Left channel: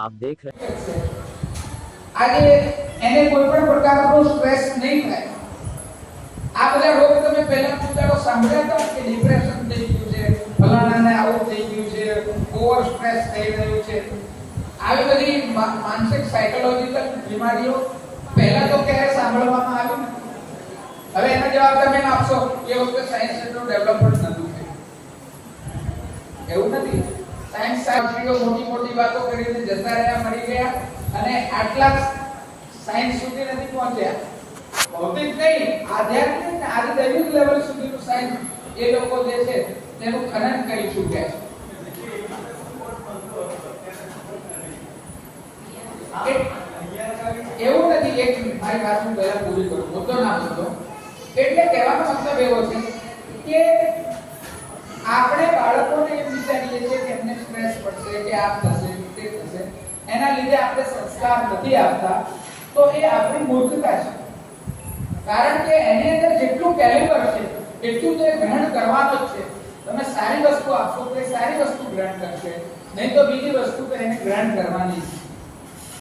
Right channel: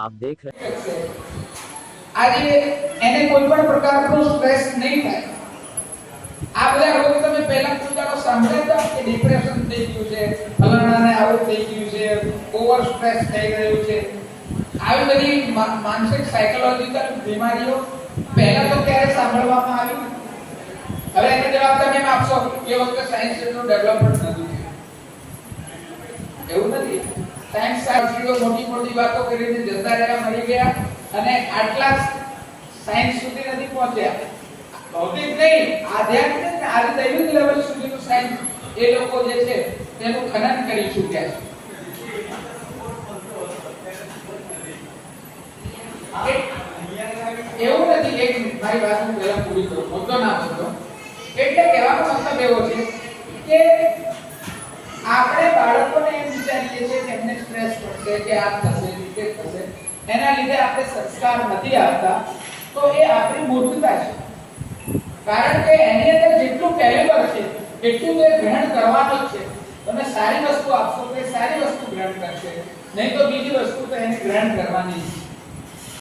आप देख रहे हैं આજે એને કોઈ પણ પ્રકારનો સ્ટ્રેસ નહીં થાય। આ બધા રોગ તમે પહેલા પૂછાડો સાંભળ્યા હતા કે ડિપ્રેશન થઈ ગયું છે, ફલાણાને આવું થઈ ગયું છે, ઓવર સ્ટ્રેસ થઈ રહ્યું છે, આવી બધી માનસિક સાયકોલોજીકલ બીમારીઓ પહેલા તો ક્યારે સાંભળવામાં આવી નથી। હવે એનો જવાબ તમે આપશો કે વખતે સાયન્સ એટલું ડેવલપમેન્ટ નથી થયું, એવું નથી। સાયન્સ શાસ્ત્રીઓ મોટી મોટી વાતો કરીને જતા રહ્યા, મરી ગયા અને આટલા સાયન્સ સુધી નથી પહોંચ્યા। ભૌતિક નહીં, આધ્યાત્મિક ને આજે દૈવિક લેવલ સુધીનું સાયન્સ એ લોકો જે છે તેનું ખનન કરી ચૂક્યા છે। એવું નથી, એક મિનિટ મારી વાત હું પહેલા પૂરી કરું, મુદ્દો ના મુદ્દો એટલે કહેવાનો મતલબ એવો છે કે આપણે બાળકોને એમ વિચારીએ છીએ કે એમને સ્ટ્રેસ પડશે કે આ થશે કે થશે, એના લીધે આપણે સંસ્કાર નથી આપતા, તો એ આપણી મૂર્ખતા છે। કારણ કે એની અંદર જેટલું કેલિબર છે એટલું તો એ ગ્રહણ કરવાનું જ છે। તમે સારી વસ્તુ આપશો તો એ સારી વસ્તુ ગ્રહણ કરશે, નહીં તો બીજી વસ્તુ તો એને ગ્રહણ કરવાની છે।